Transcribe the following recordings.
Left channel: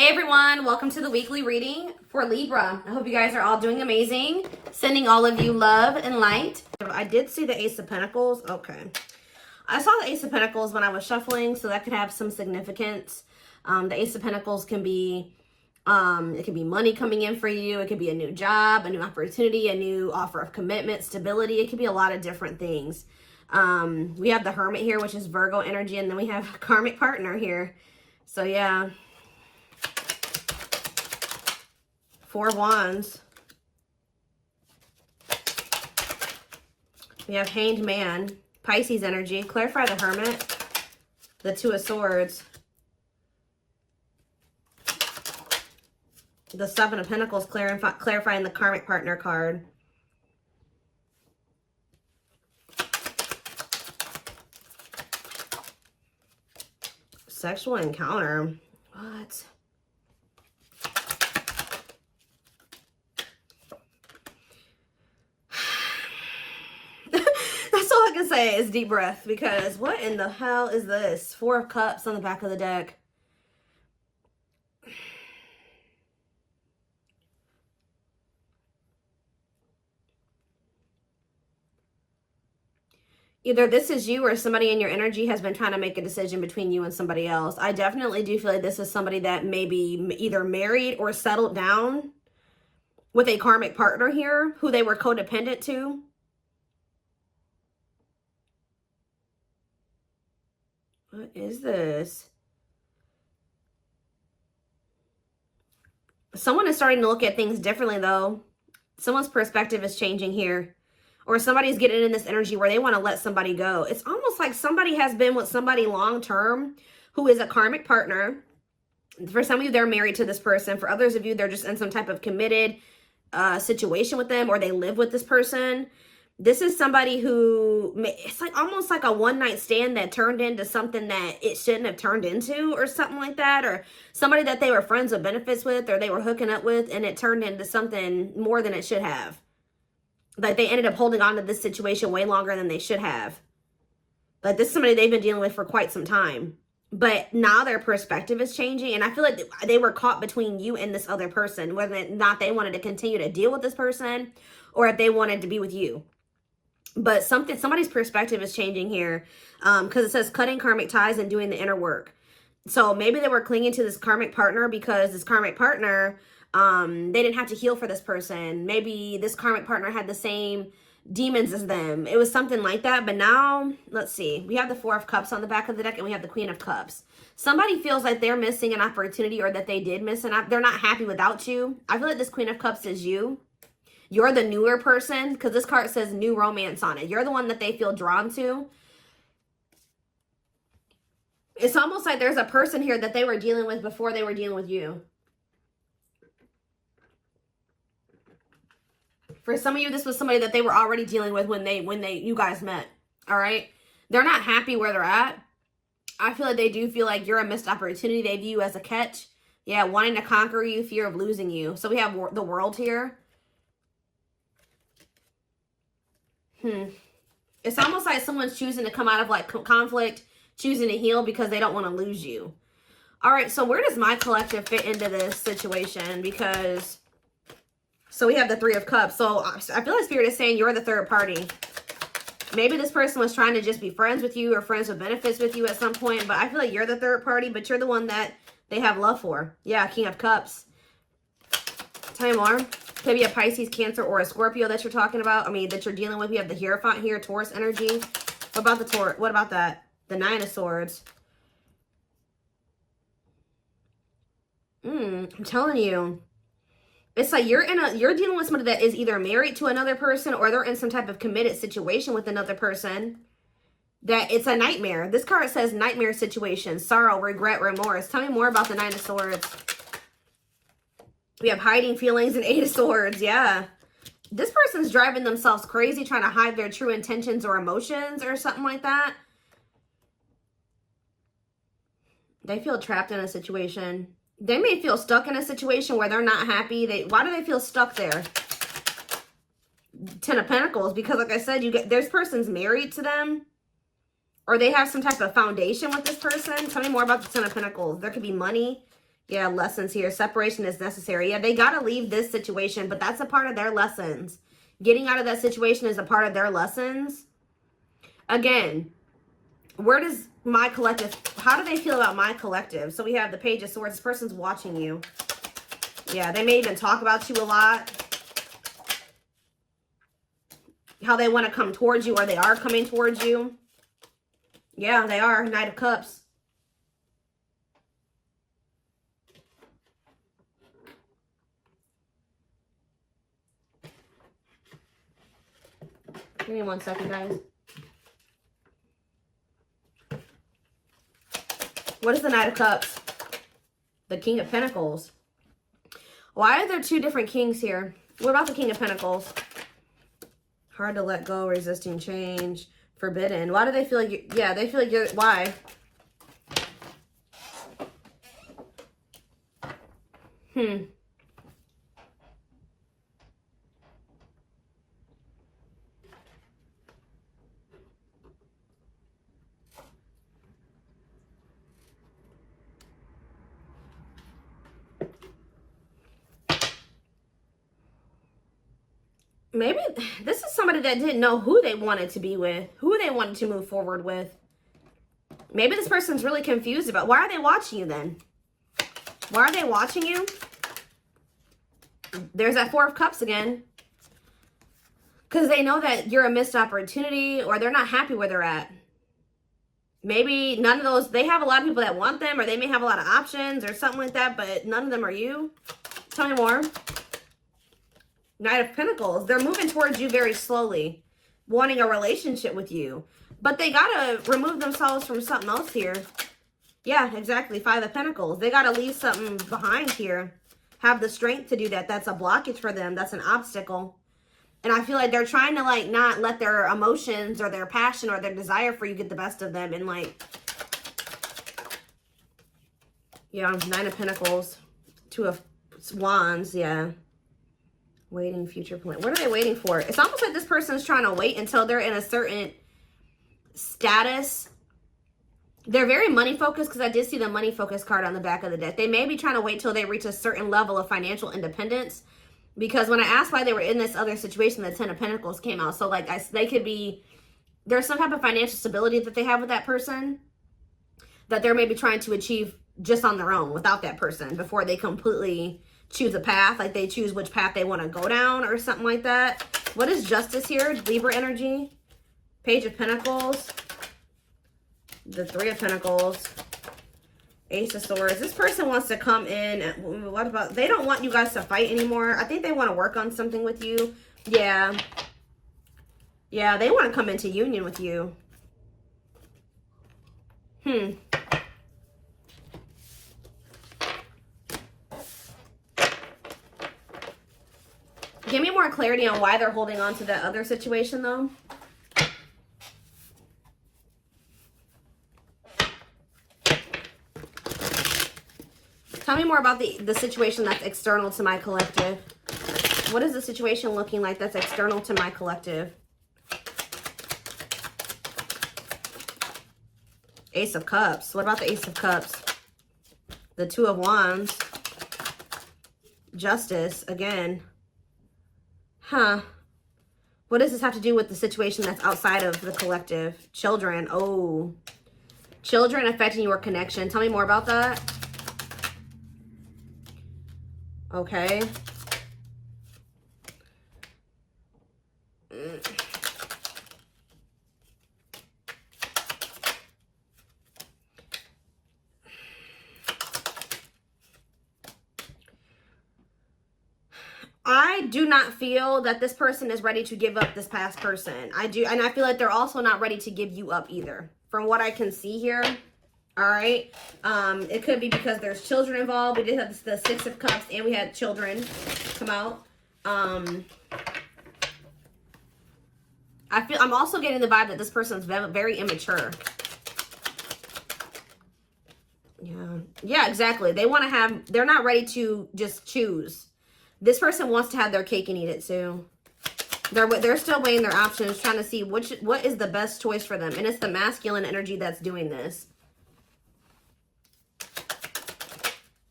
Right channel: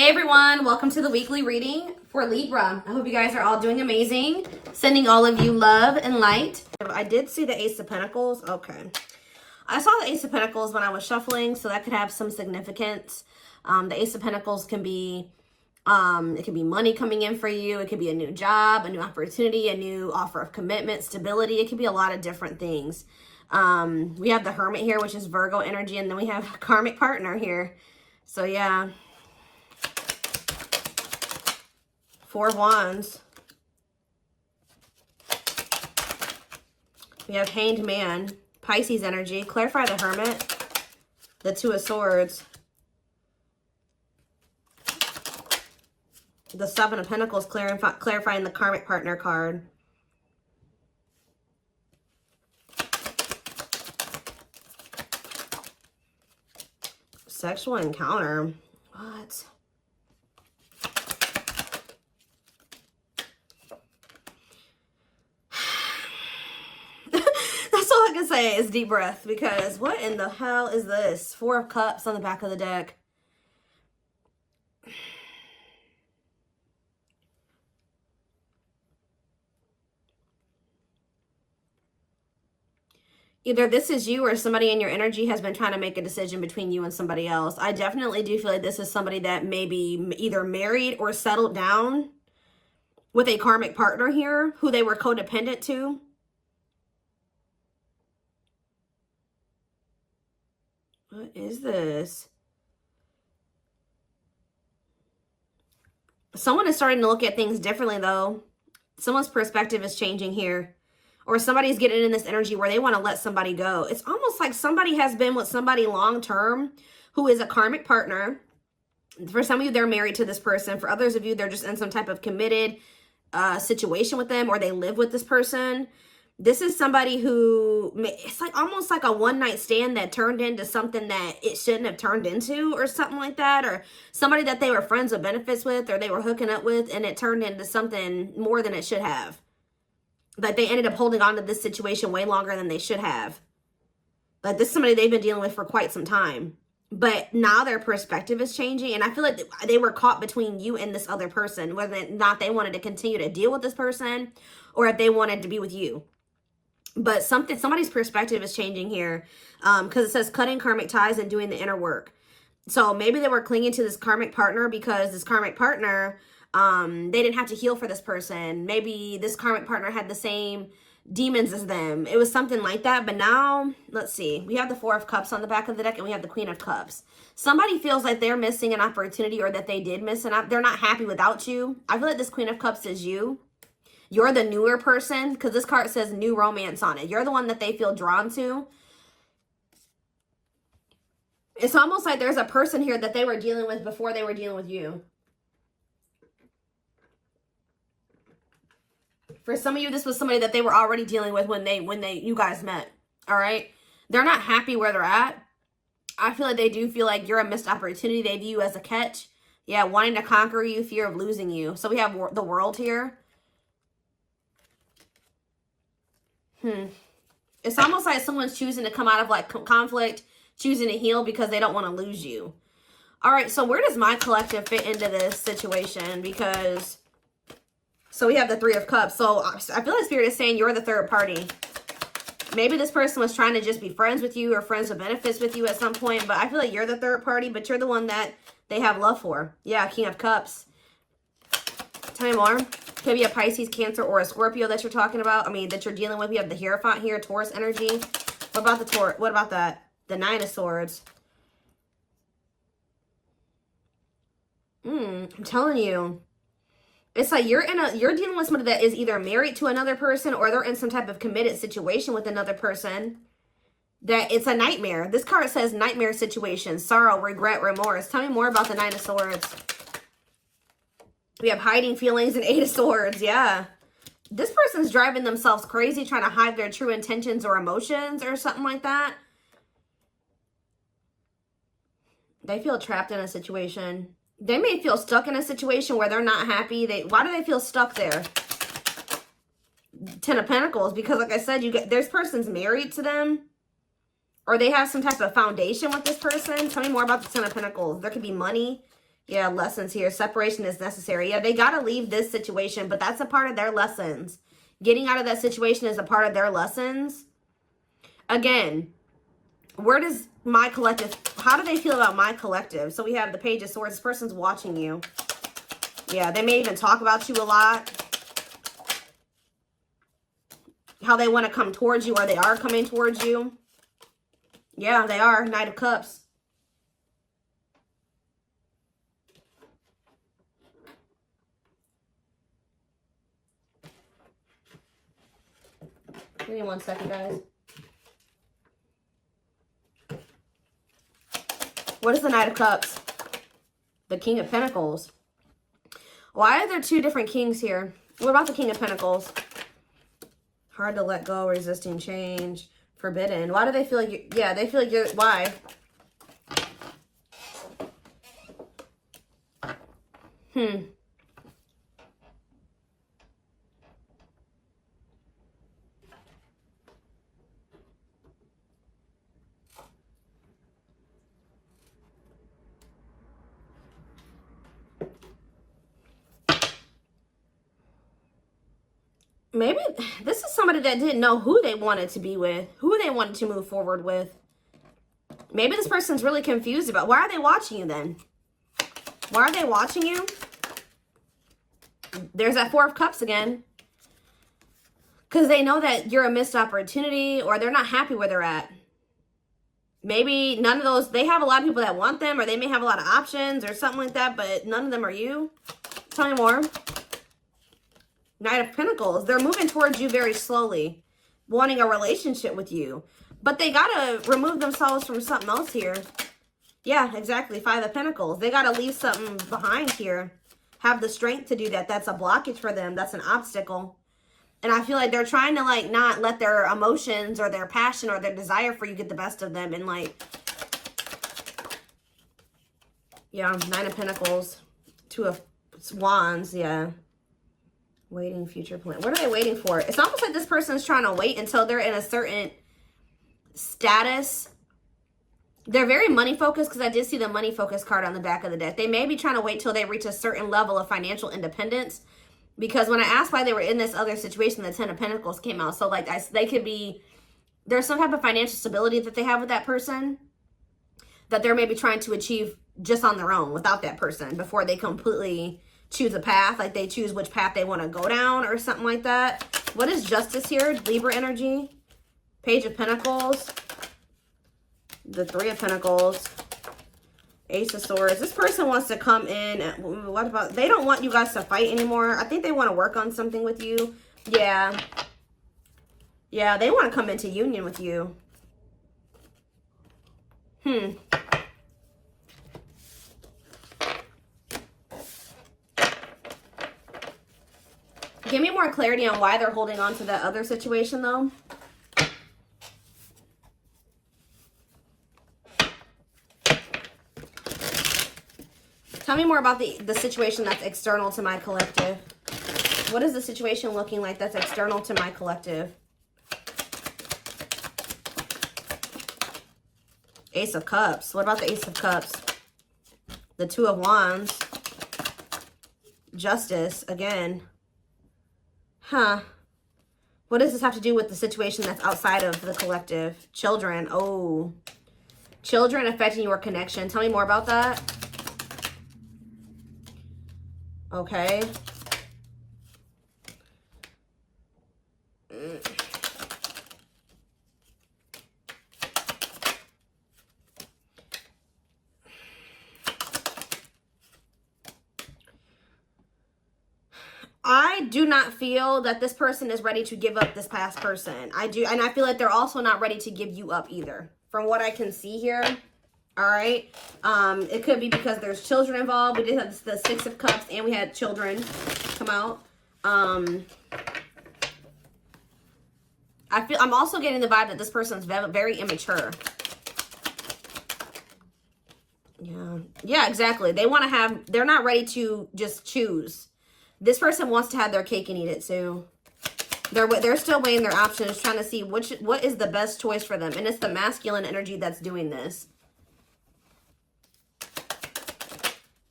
Hey everyone, welcome to the weekly reading for Libra. I hope you guys are all doing amazing. Sending all of you love and light. I did see the Ace of Pentacles. Okay. I saw the Ace of Pentacles when I was shuffling, so that could have some significance. The Ace of Pentacles can be, it can be money coming in for you. It could be a new job, a new opportunity, a new offer of commitment, stability. It could be a lot of different things. We have the Hermit here, which is Virgo energy, and then we have a karmic partner here. So yeah. 4 Wands. We have Hanged Man, Pisces energy. Clarify the Hermit. The 2 of Swords. The 7 of Pentacles, clarifying the karmic partner card. Sexual encounter. What? That's all I can say is deep breath, because what in the hell is this? 4 of Cups on the back of the deck. Either this is you or somebody in your energy has been trying to make a decision between you and somebody else. I definitely do feel like this is somebody that may be either married or settled down with a karmic partner here who they were codependent to. What is this? Someone is starting to look at things differently, though. Someone's perspective is changing here. Or somebody's getting in this energy where they want to let somebody go. It's almost like somebody has been with somebody long-term who is a karmic partner. For some of you, they're married to this person. For others of you, they're just in some type of committed situation with them, or they live with this person. This is somebody who, it's like almost like a one-night stand that turned into something that it shouldn't have turned into, or something like that. Or somebody that they were friends with benefits with, or they were hooking up with, and it turned into something more than it should have. Like they ended up holding on to this situation way longer than they should have. Like this is somebody they've been dealing with for quite some time. But now their perspective is changing. And I feel like they were caught between you and this other person. Whether or not they wanted to continue to deal with this person, or if they wanted to be with you. But somebody's perspective is changing here. Because it says cutting karmic ties and doing the inner work. So maybe they were clinging to this karmic partner because this karmic partner, they didn't have to heal for this person. Maybe this karmic partner had the same demons as them. It was something like that. But now, let's see. We have the 4 of Cups on the back of the deck, and we have the Queen of Cups. Somebody feels like they're missing an opportunity, or that they did miss an opportunity. They're not happy without you. I feel like this Queen of Cups is you. You're the newer person, because this card says new romance on it. You're the one that they feel drawn to. It's almost like there's a person here that they were dealing with before they were dealing with you. For some of you, this was somebody that they were already dealing with when you guys met. All right? They're not happy where they're at. I feel like they do feel like you're a missed opportunity. They view you as a catch. Yeah, wanting to conquer you, fear of losing you. So we have the World here. It's almost like someone's choosing to come out of like conflict, choosing to heal because they don't want to lose you. All right, so where does my collective fit into this situation? Because, so we have the 3 of Cups. So I feel like Spirit is saying you're the third party. Maybe this person was trying to just be friends with you or friends with benefits with you at some point. But I feel like you're the third party, but you're the one that they have love for. Yeah, King of Cups. Tell me more. Could be a Pisces, Cancer, or a Scorpio that you're talking about. I mean, that you're dealing with. We have the Hierophant here, Taurus energy. What about the Taurus? What about that? The 9 of Swords. I'm telling you. It's like you're dealing with somebody that is either married to another person, or they're in some type of committed situation with another person. That it's a nightmare. This card says nightmare situation, sorrow, regret, remorse. Tell me more about the 9 of Swords. We have hiding feelings and 8 of Swords. Yeah. This person's driving themselves crazy, trying to hide their true intentions or emotions or something like that. They feel trapped in a situation. They may feel stuck in a situation where they're not happy. Why do they feel stuck there? 10 of Pentacles. Because like I said, this person's married to them. Or they have some type of foundation with this person. Tell me more about the 10 of Pentacles. There could be money Yeah, lessons here. Separation is necessary. Yeah, they got to leave this situation, but that's a part of their lessons. Getting out of that situation is a part of their lessons. Again, where does my collective, how do they feel about my collective? So we have the Page of Swords. This person's watching you. Yeah, they may even talk about you a lot. How they want to come towards you, or they are coming towards you. Yeah, they are. Knight of Cups. Give me 1 second, guys. What is the Knight of Cups? The King of Pentacles. Why are there two different kings here? What about the King of Pentacles? Hard to let go, resisting change, forbidden. Why do they feel like you, yeah, they feel like you're, why? Maybe this is somebody that didn't know who they wanted to be with, who they wanted to move forward with. Maybe this person's really confused about, why are they watching you then? Why are they watching you? There's that Four of Cups again. Because they know that you're a missed opportunity, or they're not happy where they're at. Maybe none of those, they have a lot of people that want them, or they may have a lot of options or something like that, but none of them are you. Tell me more. Knight of Pentacles. They're moving towards you very slowly, wanting a relationship with you. But they got to remove themselves from something else here. Yeah, exactly. Five of Pentacles. They got to leave something behind here. Have the strength to do that. That's a blockage for them. That's an obstacle. And I feel like they're trying to, like, not let their emotions or their passion or their desire for you get the best of them. And, like, yeah, Nine of Pentacles. Two of Wands, yeah. Waiting, future plan. What are they waiting for? It's almost like this person is trying to wait until they're in a certain status. They're very money focused, because I did see the money focused card on the back of the deck. They may be trying to wait till they reach a certain level of financial independence. Because when I asked why they were in this other situation, the Ten of Pentacles came out. So, like, they could be, there's some type of financial stability that they have with that person that they're maybe trying to achieve just on their own without that person before they completely choose a path. Like, they choose which path they want to go down or something like that. What is Justice here? Libra energy. Page of Pentacles. The Three of Pentacles. Ace of Swords. This person wants to come in. What about, they don't want you guys to fight anymore. I think they want to work on something with you. Yeah. Yeah, they want to come into union with you. Give me more clarity on why they're holding on to that other situation, though. Tell me more about the situation that's external to my collective. What is the situation looking like that's external to my collective? Ace of Cups. What about the Ace of Cups? The Two of Wands. Justice, again. Huh. What does this have to do with the situation that's outside of the collective? Children. Oh. Children affecting your connection. Tell me more about that. Okay. I do not feel that this person is ready to give up this past person. I do, and I feel like they're also not ready to give you up either, from what I can see here. All right. It could be because there's children involved. We did have the Six of Cups, and we had children come out. I'm also getting the vibe that this person's very immature. Yeah, exactly. They want to have, they're not ready to just choose. This person wants to have their cake and eat it too. They're still weighing their options, trying to see what is the best choice for them. And it's the masculine energy that's doing this.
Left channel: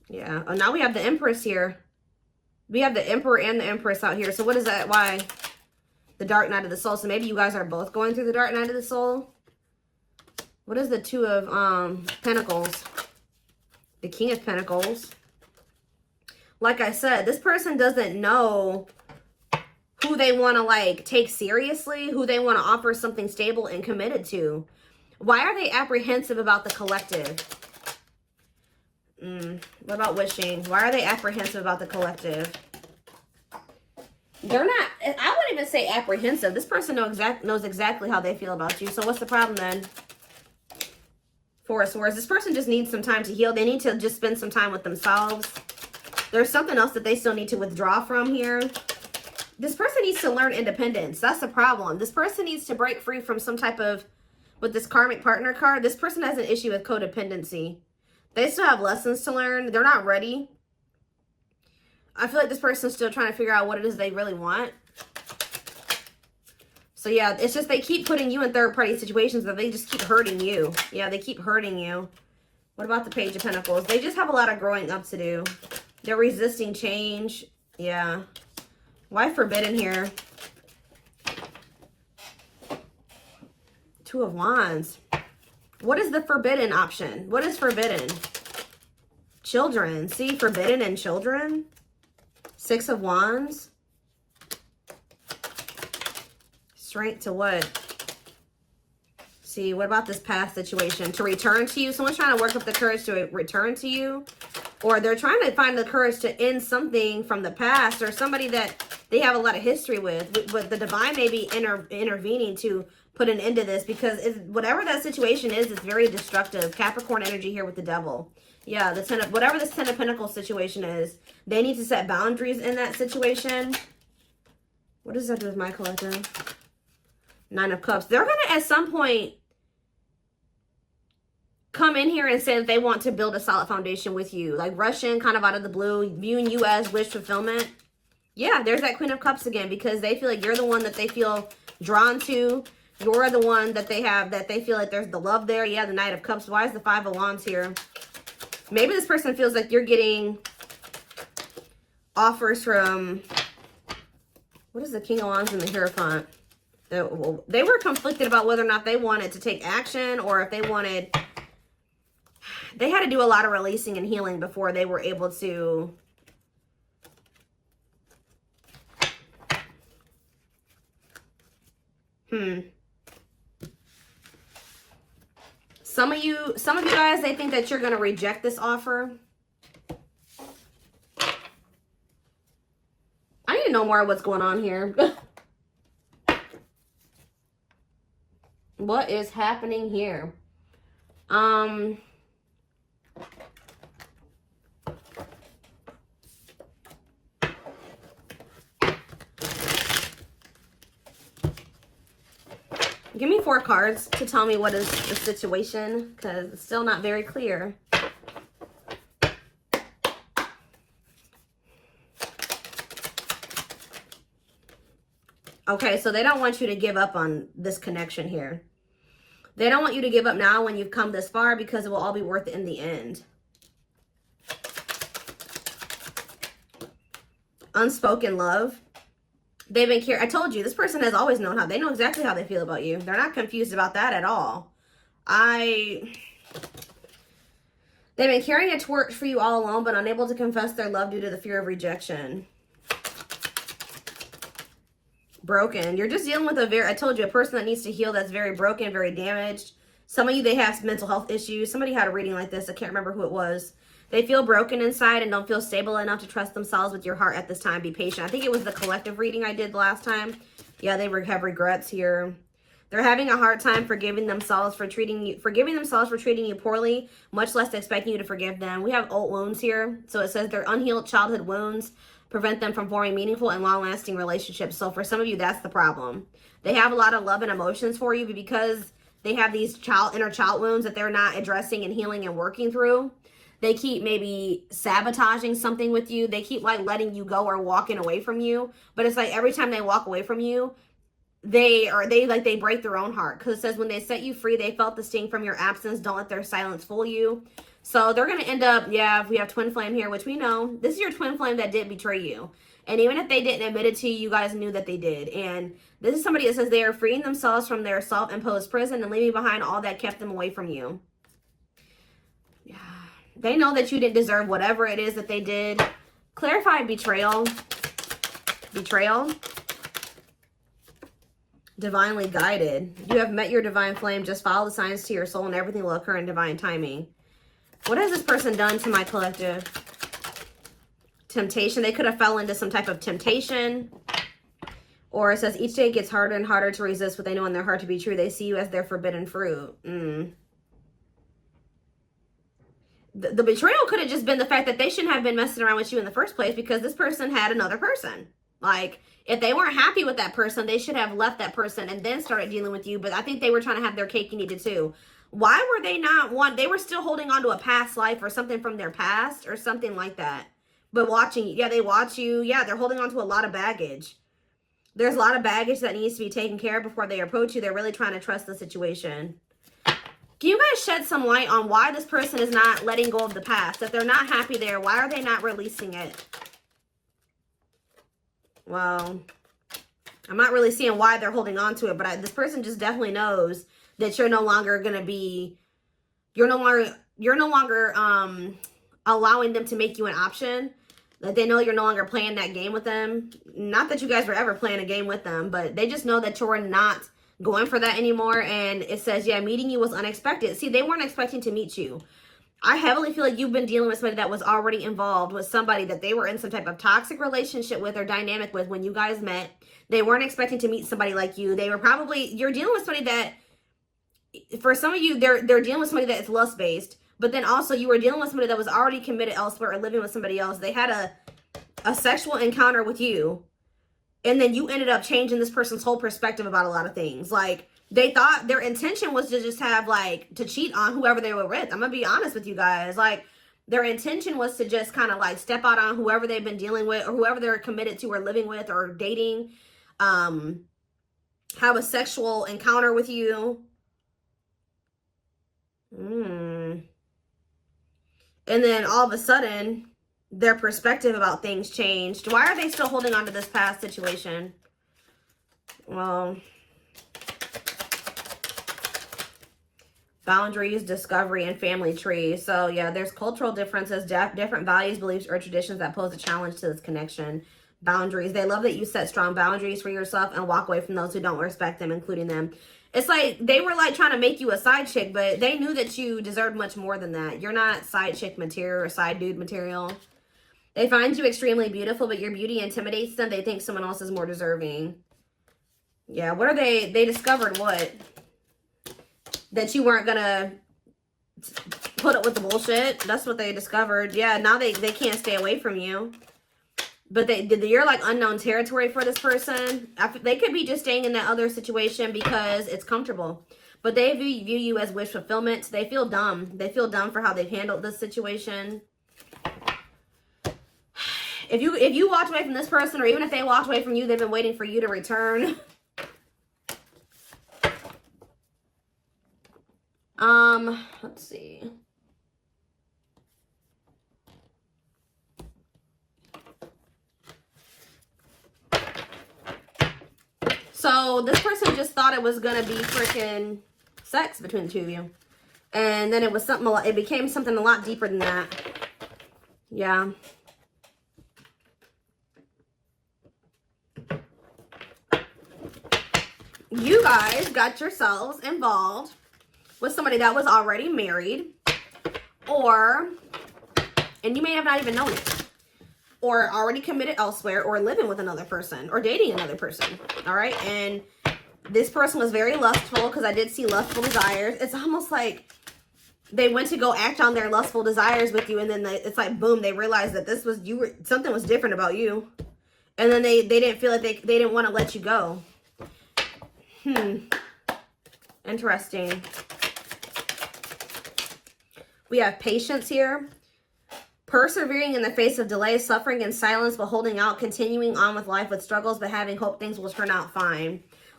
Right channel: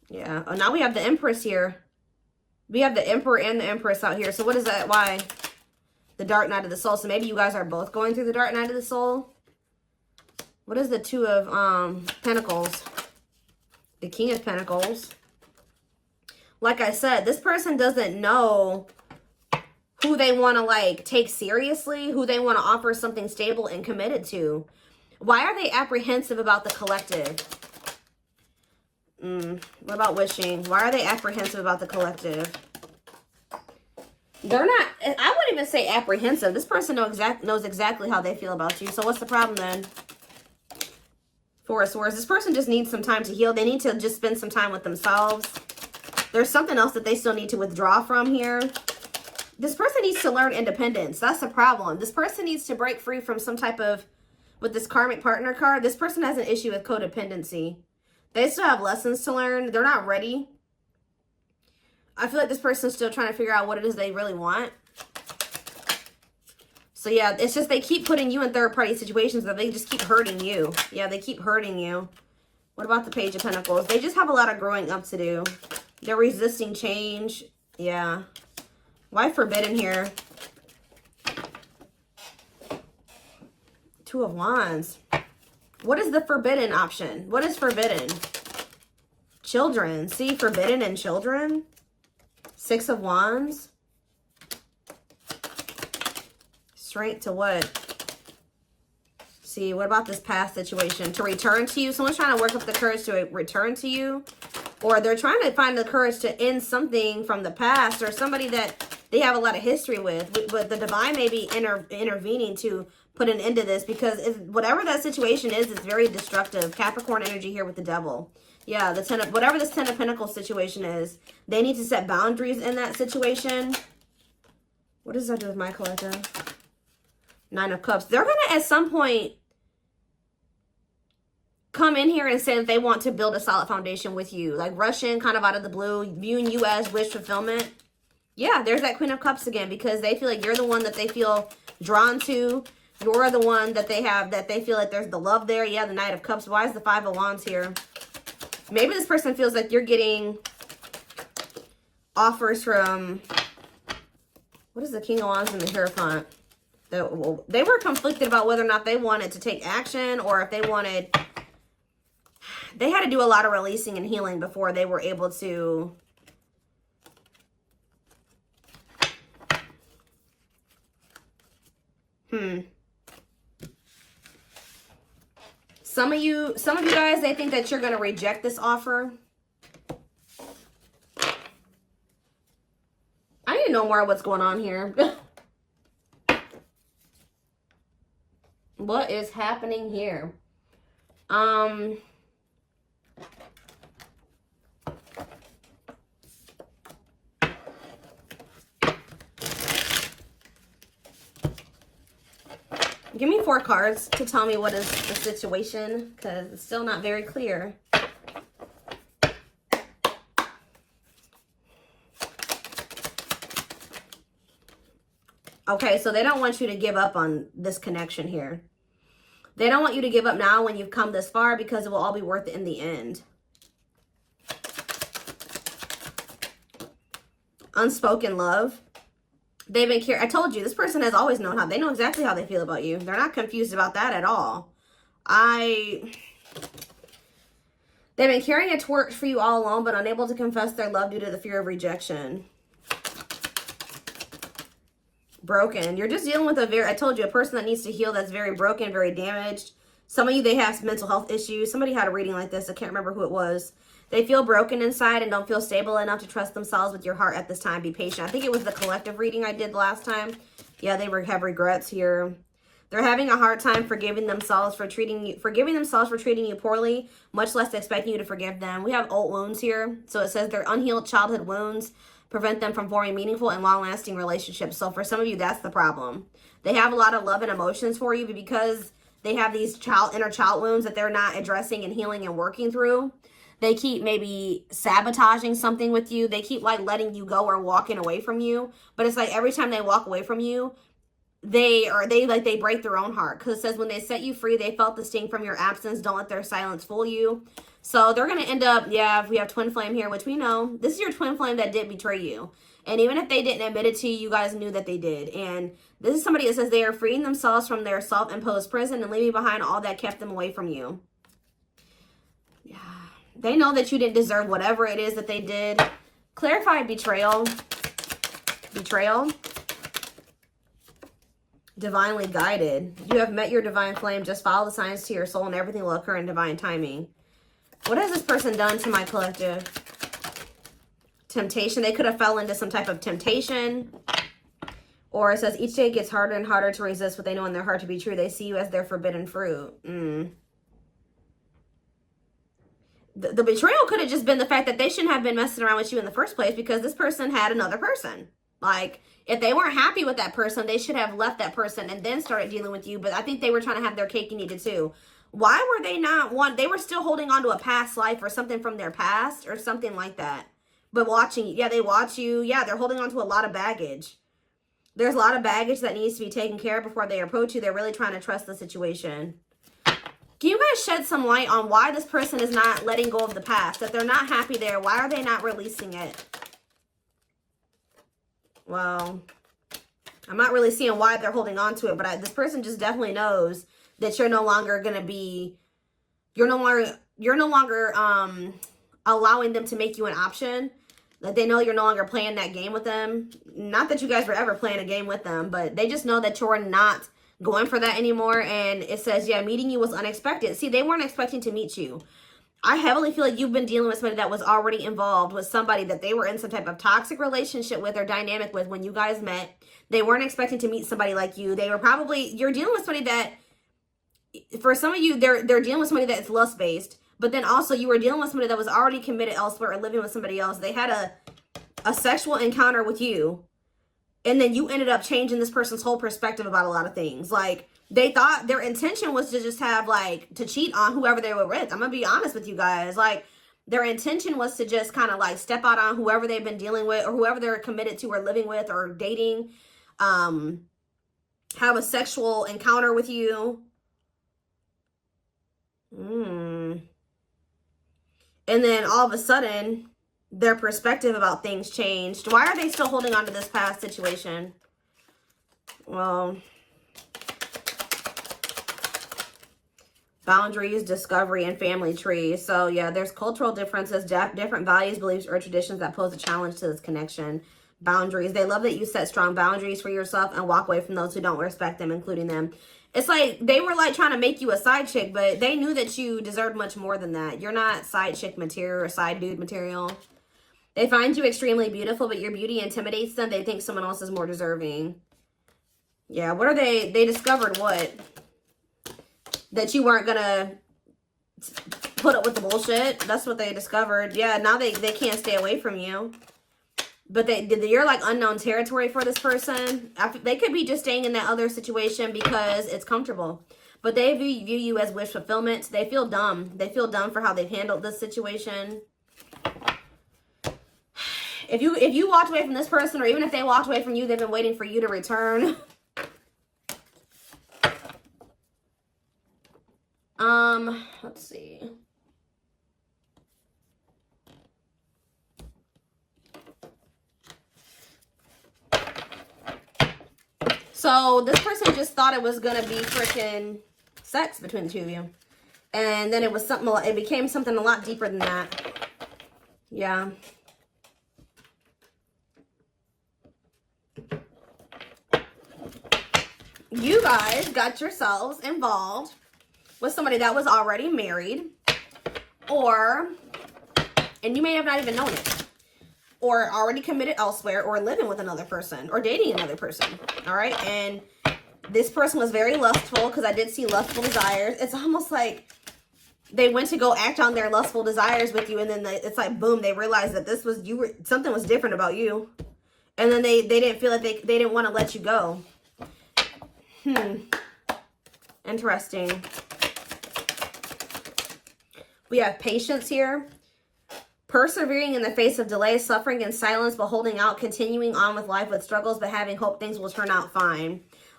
Yeah. Oh, now we have the Empress here. We have the Emperor and the Empress out here. So what is that? Why? The Dark Night of the Soul. So maybe you guys are both going through the Dark Night of the Soul. What is the Two of Pentacles? The King of Pentacles. Like I said, this person doesn't know who they want to like take seriously, who they want to offer something stable and committed to. Why are they apprehensive about the collective? What about wishing? Why are they apprehensive about the collective? They're not, I wouldn't even say apprehensive. This person knows exactly how they feel about you. So what's the problem then? Four of Swords. This person just needs some time to heal. They need to just spend some time with themselves. There's something else that they still need to withdraw from here. This person needs to learn independence. That's the problem. This person needs to break free from some type of, with this karmic partner card, this person has an issue with codependency. They still have lessons to learn. They're not ready. I feel like this person's still trying to figure out what it is they really want. So yeah, it's just they keep putting you in third-party situations where they just keep hurting you. Yeah, they keep hurting you. What about the Page of Pentacles? They just have a lot of growing up to do. They're resisting change. Yeah. Why forbidden here? Two of Wands. What is the forbidden option? What is forbidden? Children. See, forbidden and children. Six of Wands. Straight to what? See, what about this past situation? To return to you. Someone's trying to work up the courage to return to you. Or they're trying to find the courage to end something from the past. Or somebody that they have a lot of history with. But the divine may be intervening to put an end to this. Because whatever that situation is, it's very destructive. Capricorn energy here with the Devil. Yeah, the Ten of, whatever this Ten of Pentacles situation is, they need to set boundaries in that situation. What does that do with my collective? Nine of Cups. They're going to, at some point, come in here and say that they want to build a solid foundation with you. Like rush in kind of out of the blue. You and you as wish fulfillment. Yeah, there's that Queen of Cups again. Because they feel like you're the one that they feel drawn to. You're the one that they have, that they feel like there's the love there. Yeah, the Knight of Cups. Why is the Five of Wands here? Maybe this person feels like you're getting offers from, what is the King of Wands and the Hierophant? They were conflicted about whether or not they wanted to take action or if they wanted, they had to do a lot of releasing and healing before they were able to Some of you guys, they think that you're going to reject this offer. I need to know more of what's going on here. What is happening here? Give me 4 cards to tell me what is the situation, because it's still not very clear. Okay, so they don't want you to give up on this connection here. They don't want you to give up now when you've come this far, because it will all be worth it in the end. Unspoken love. They've been I told you, this person has always known how. They know exactly how they feel about you. They're not confused about that at all. They've been carrying a torch for you all along, but unable to confess their love due to the fear of rejection. Broken. You're just dealing with I told you, a person that needs to heal, that's very broken, very damaged. Some of you, they have some mental health issues. Somebody had a reading like this. I can't remember who it was. They feel broken inside and don't feel stable enough to trust themselves with your heart at this time. Be patient. I think it was the collective reading I did last time. Yeah, they have regrets here. They're having a hard time forgiving themselves for treating you poorly, much less expecting you to forgive them. We have old wounds here. So it says their unhealed childhood wounds prevent them from forming meaningful and long-lasting relationships. So for some of you, that's the problem. They have a lot of love and emotions for you, but because they have these inner child wounds that they're not addressing and healing and working through, they keep maybe sabotaging something with you. They keep like letting you go or walking away from you. But it's like every time they walk away from you, they break their own heart. Because it says when they set you free, they felt the sting from your absence. Don't let their silence fool you. So they're going to end up, yeah, we have twin flame here, which we know. This is your twin flame that did betray you. And even if they didn't admit it to you, you guys knew that they did. And this is somebody that says they are freeing themselves from their self-imposed prison and leaving behind all that kept them away from you. Yeah. They know that you didn't deserve whatever it is that they did. Clarify betrayal. Betrayal. Divinely guided. You have met your divine flame. Just follow the signs to your soul and everything will occur in divine timing. What has this person done to my collective? Temptation. They could have fell into some type of temptation. Or it says each day gets harder and harder to resist what they know in their heart to be true. They see you as their forbidden fruit. The betrayal could have just been the fact that they shouldn't have been messing around with you in the first place because this person had another person. Like, if they weren't happy with that person, they should have left that person and then started dealing with you. But I think they were trying to have their cake and eat it too. Why were they not they were still holding on to a past life or something from their past or something like that. But watching, yeah, they watch you. Yeah, they're holding on to a lot of baggage. There's a lot of baggage that needs to be taken care of before they approach you. They're really trying to trust the situation. Can you guys shed some light on why this person is not letting go of the past? That they're not happy there. Why are they not releasing it? Well, I'm not really seeing why they're holding on to it, but this person just definitely knows that you're no longer going to be, you're no longer allowing them to make you an option. Like, they know you're no longer playing that game with them. Not that you guys were ever playing a game with them, but they just know that you're not going for that anymore. And it says, yeah, meeting you was unexpected. See, they weren't expecting to meet you. I heavily feel like you've been dealing with somebody that was already involved with somebody that they were in some type of toxic relationship with or dynamic with when you guys met. They weren't expecting to meet somebody like you. They were probably, you're dealing with somebody that, for some of you, they're dealing with somebody that's lust-based. But then also you were dealing with somebody that was already committed elsewhere or living with somebody else. They had a sexual encounter with you. And then you ended up changing this person's whole perspective about a lot of things. Like, they thought their intention was to just have, like, to cheat on whoever they were with. I'm going to be honest with you guys. Like, their intention was to just kind of, like, step out on whoever they've been dealing with or whoever they're committed to or living with or dating. Have a sexual encounter with you. And then all of a sudden, their perspective about things changed. Why are they still holding on to this past situation? Well, boundaries, discovery, and family trees. So yeah, there's cultural differences, different values, beliefs, or traditions that pose a challenge to this connection. Boundaries. They love that you set strong boundaries for yourself and walk away from those who don't respect them, including them. It's like they were like trying to make you a side chick, but they knew that you deserved much more than that. You're not side chick material or side dude material. They find you extremely beautiful, but your beauty intimidates them. They think someone else is more deserving. Yeah, what are they? They discovered what? That you weren't going to put up with the bullshit. That's what they discovered. Yeah, now they can't stay away from you. But you're like unknown territory for this person. They could be just staying in that other situation because it's comfortable. But they view you as wish fulfillment. They feel dumb. They feel dumb for how they've handled this situation. If you walked away from this person, or even if they walked away from you, they've been waiting for you to return. Let's see. So this person just thought it was gonna be freaking sex between the two of you, and then it was something. It became something a lot deeper than that. Yeah. You guys got yourselves involved with somebody that was already married, and you may have not even known it, or already committed elsewhere, or living with another person, or dating another person, all right? And this person was very lustful, because I did see lustful desires. It's almost like they went to go act on their lustful desires with you, and then it's like, boom, they realized that something was different about you, and then they didn't feel like they didn't want to let you go. Interesting. We have patience here. Persevering in the face of delay, suffering, and silence, but holding out, continuing on with life with struggles, but having hope things will turn out fine.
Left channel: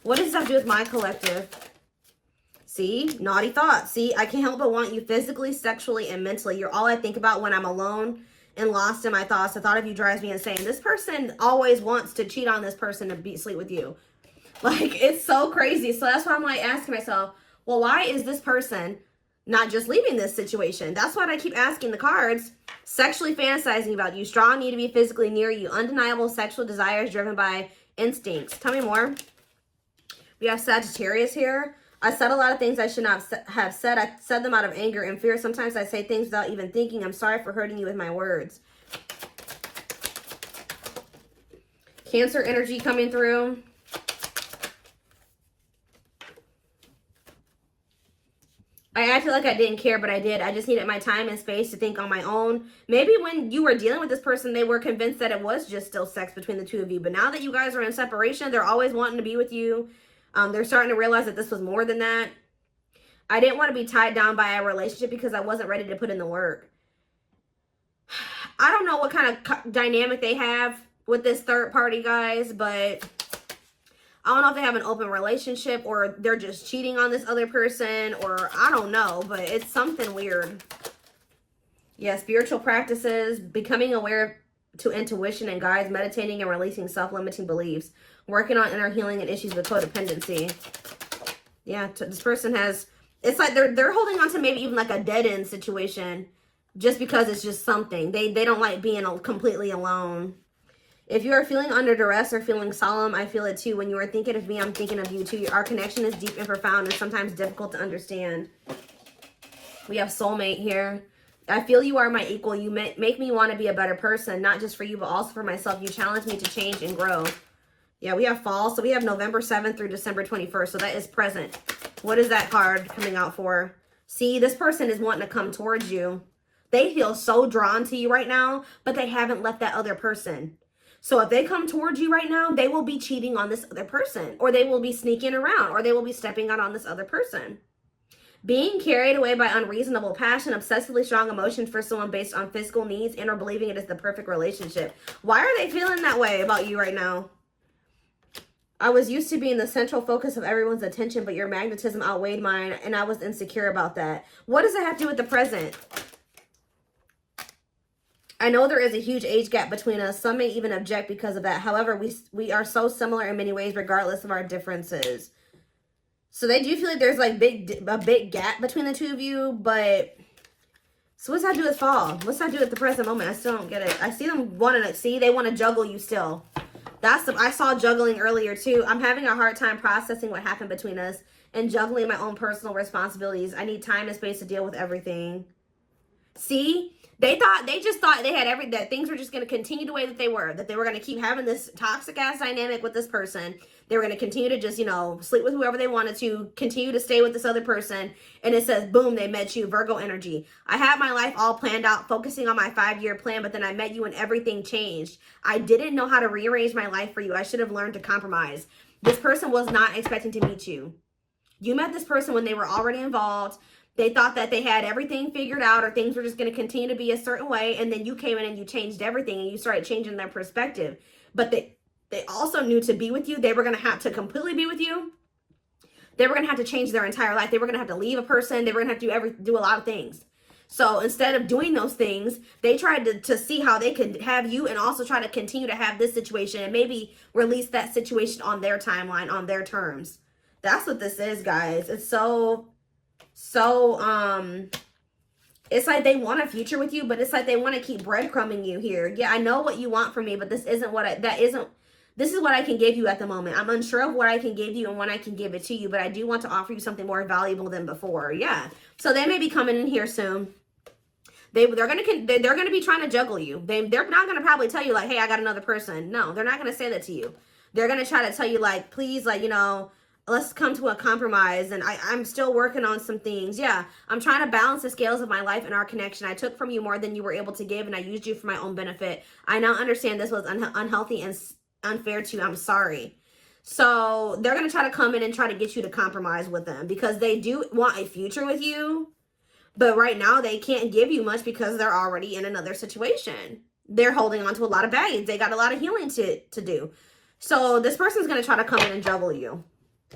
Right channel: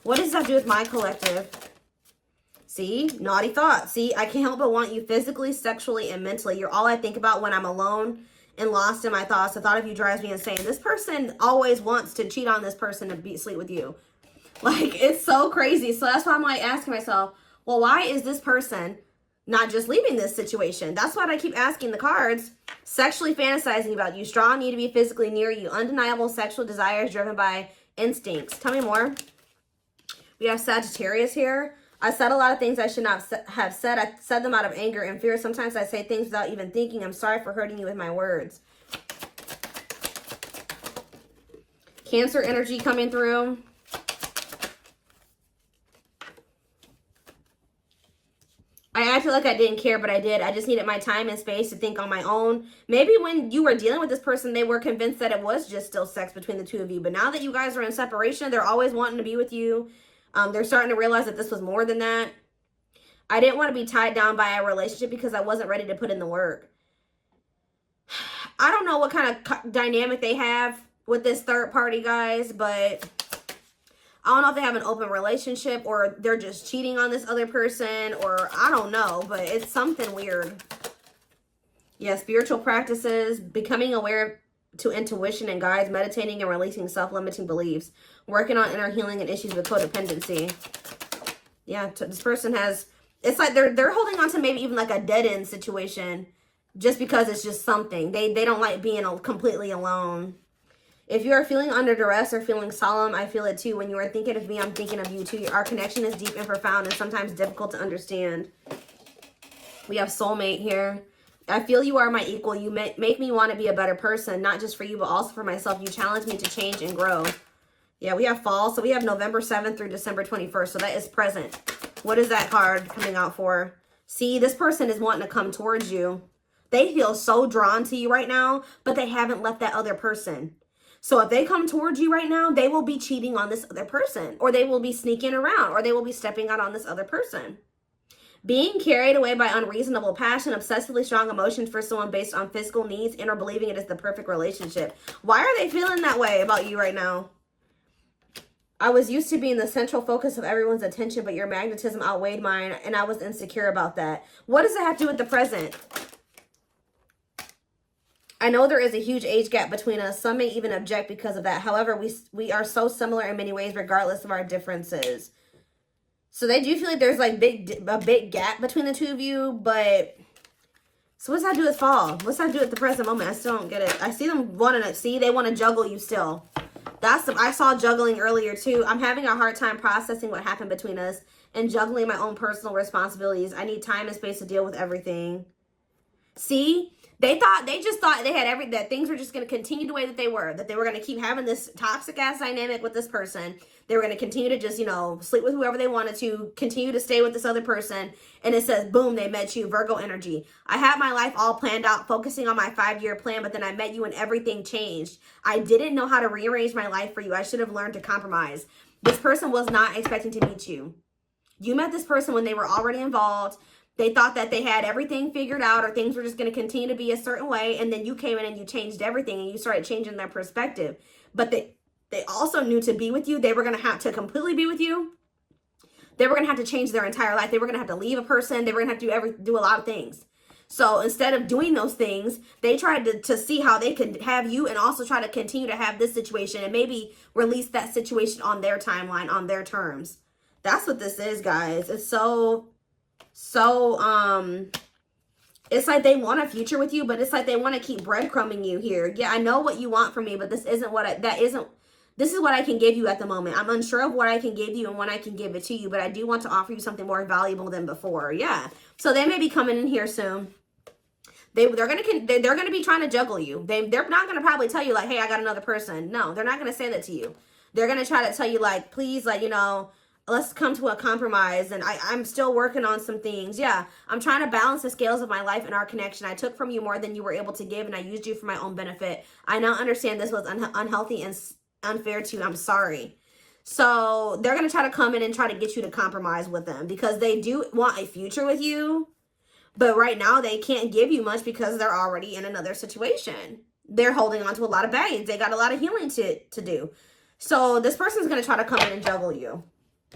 What does that do with my collective? See, naughty thoughts. See, I can't help but want you physically, sexually, and mentally. You're all I think about when I'm alone and lost in my thoughts. The thought of you drives me insane. This person always wants to cheat on this person and sleep with you. Like, it's so crazy. So that's why I'm like asking myself, well, why is this person not just leaving this situation? That's what I keep asking the cards. Sexually fantasizing about you. Strong need to be physically near you. Undeniable sexual desires driven by instincts. Tell me more. We have Sagittarius here. I said a lot of things I should not have said. I said them out of anger and fear. Sometimes I say things without even thinking. I'm sorry for hurting you with my words. Cancer energy coming through. I acted like I didn't care, but I did. I just needed my time and space to think on my own. Maybe when you were dealing with this person, they were convinced that it was just still sex between the two of you. But now that you guys are in separation, they're always wanting to be with you. They're starting to realize that this was more than that. I didn't want to be tied down by a relationship because I wasn't ready to put in the work. I don't know what kind of dynamic they have with this third party, guys, but I don't know if they have an open relationship or they're just cheating on this other person, or I don't know, but it's something weird. Yeah, spiritual practices, becoming aware to intuition and guides, meditating and releasing self-limiting beliefs, working on inner healing and issues with codependency. Yeah, this person has, it's like they're holding on to maybe even like a dead-end situation just because it's just something. They don't like being completely alone. If you're feeling under duress or feeling solemn, I feel it too. When you are thinking of me, I'm thinking of you too. Our connection is deep and profound and sometimes difficult to understand. We have soulmate here. I feel you are my equal. You make me want to be a better person, not just for you, but also for myself. You challenge me to change and grow. Yeah, we have fall. So we have November 7th through December 21st. So that is present. What is that card coming out for? See, this person is wanting to come towards you. They feel so drawn to you right now, but they haven't left that other person. So if they come towards you right now, they will be cheating on this other person, or they will be sneaking around, or they will be stepping out on this other person. Being carried away by unreasonable passion, obsessively strong emotions for someone based on physical needs, and or believing it is the perfect relationship. Why are they feeling that way about you right now? I was used to being the central focus of everyone's attention, but your magnetism outweighed mine, and I was insecure about that. What does it have to do with the present? I know there is a huge age gap between us. Some may even object because of that. However, we are so similar in many ways, regardless of our differences. So they do feel like there's like a big gap between the two of you, but so what's that do with fall? What's that do with the present moment? I still don't get it. I see them wanting to see, they want to juggle you still. I saw juggling earlier too. I'm having a hard time processing what happened between us and juggling my own personal responsibilities. I need time and space to deal with everything. See? They just thought they had that things were just going to continue the way that they were going to keep having this toxic ass dynamic with this person. They were going to continue to just, sleep with whoever they wanted to, continue to stay with this other person. And it says, boom, they met you, Virgo energy. I had my life all planned out, focusing on my 5-year plan, but then I met you and everything changed. I didn't know how to rearrange my life for you. I should have learned to compromise. This person was not expecting to meet you. You met this person when they were already involved. They thought that they had everything figured out, or things were just going to continue to be a certain way. And then you came in and you changed everything and you started changing their perspective. But they also knew to be with you, they were going to have to completely be with you. They were going to have to change their entire life. They were going to have to leave a person. They were going to have to do a lot of things. So instead of doing those things, they tried to see how they could have you and also try to continue to have this situation and maybe release that situation on their timeline, on their terms. That's what this is, guys. It's so it's like they want a future with you, but it's like they want to keep breadcrumbing you here. Yeah, I know what you want from me, but this isn't this is what I can give you at the moment. I'm unsure of what I can give you and when I can give it to you, but I do want to offer you something more valuable than before. Yeah. So they may be coming in here soon. They're gonna be trying to juggle you. They're not gonna probably tell you like, hey, I got another person. No, they're not gonna say that to you. They're gonna try to tell you like, please, like, let's come to a compromise, and I'm still working on some things. Yeah, I'm trying to balance the scales of my life and our connection. I took from you more than you were able to give, and I used you for my own benefit. I now understand this was unhealthy and unfair to you. I'm sorry. So they're going to try to come in and try to get you to compromise with them because they do want a future with you. But right now they can't give you much because they're already in another situation. They're holding on to a lot of baggage. They got a lot of healing to do. So this person's going to try to come in and juggle you.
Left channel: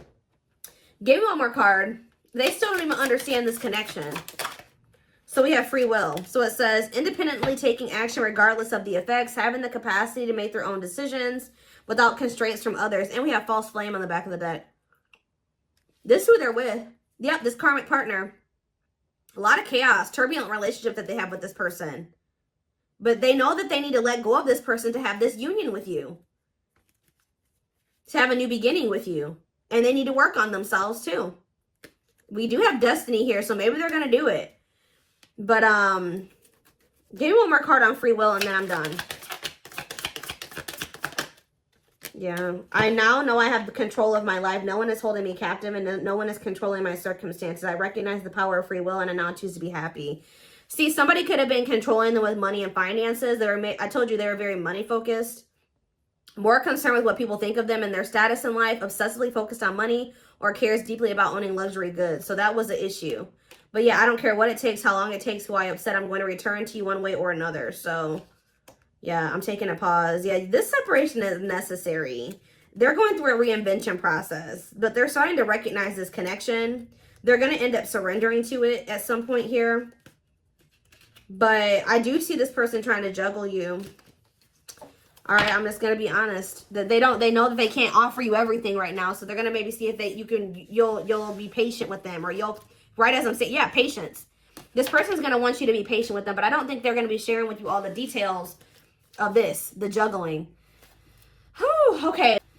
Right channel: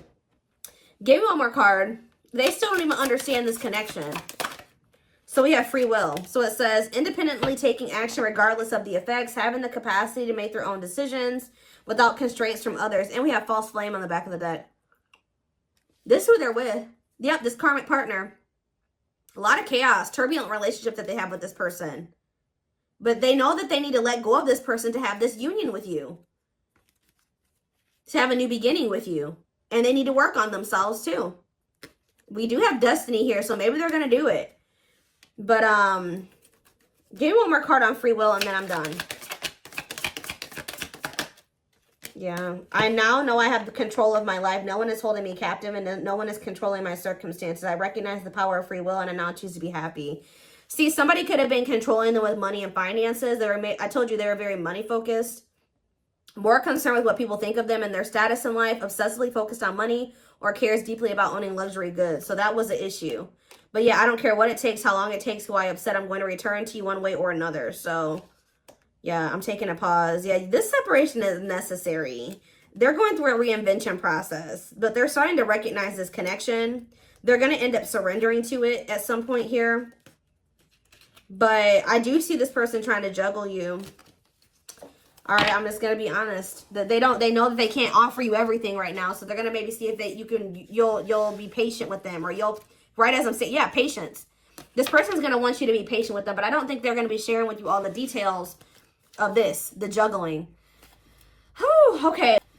Give me one more card. They still don't even understand this connection. So we have free will. So it says, independently taking action regardless of the effects, having the capacity to make their own decisions without constraints from others. And we have false flame on the back of the deck. This is who they're with. Yep, this karmic partner. A lot of chaos, turbulent relationship that they have with this person. But they know that they need to let go of this person to have this union with you. To have a new beginning with you. And they need to work on themselves too. We do have destiny here, so maybe they're going to do it. But, give me one more card on free will and then I'm done. Yeah, I now know I have the control of my life. No one is holding me captive and no one is controlling my circumstances. I recognize the power of free will and I now choose to be happy. See, somebody could have been controlling them with money and finances. I told you they were very money focused. More concerned with what people think of them and their status in life. Obsessively focused on money or cares deeply about owning luxury goods. So that was the issue. But yeah, I don't care what it takes, how long it takes, who I upset. I'm going to return to you one way or another. So yeah, I'm taking a pause. Yeah, this separation is necessary. They're going through a reinvention process, but they're starting to recognize this connection. They're going to end up surrendering to it at some point here. But I do see this person trying to juggle you. All right, I'm just going to be honest. That they know that they can't offer you everything right now, so they're going to maybe see if you'll be patient with them, or you'll, right as I'm saying, yeah, patience. This person's going to want you to be patient with them, but I don't think they're going to be sharing with you all the details of this, the juggling. Whew, okay.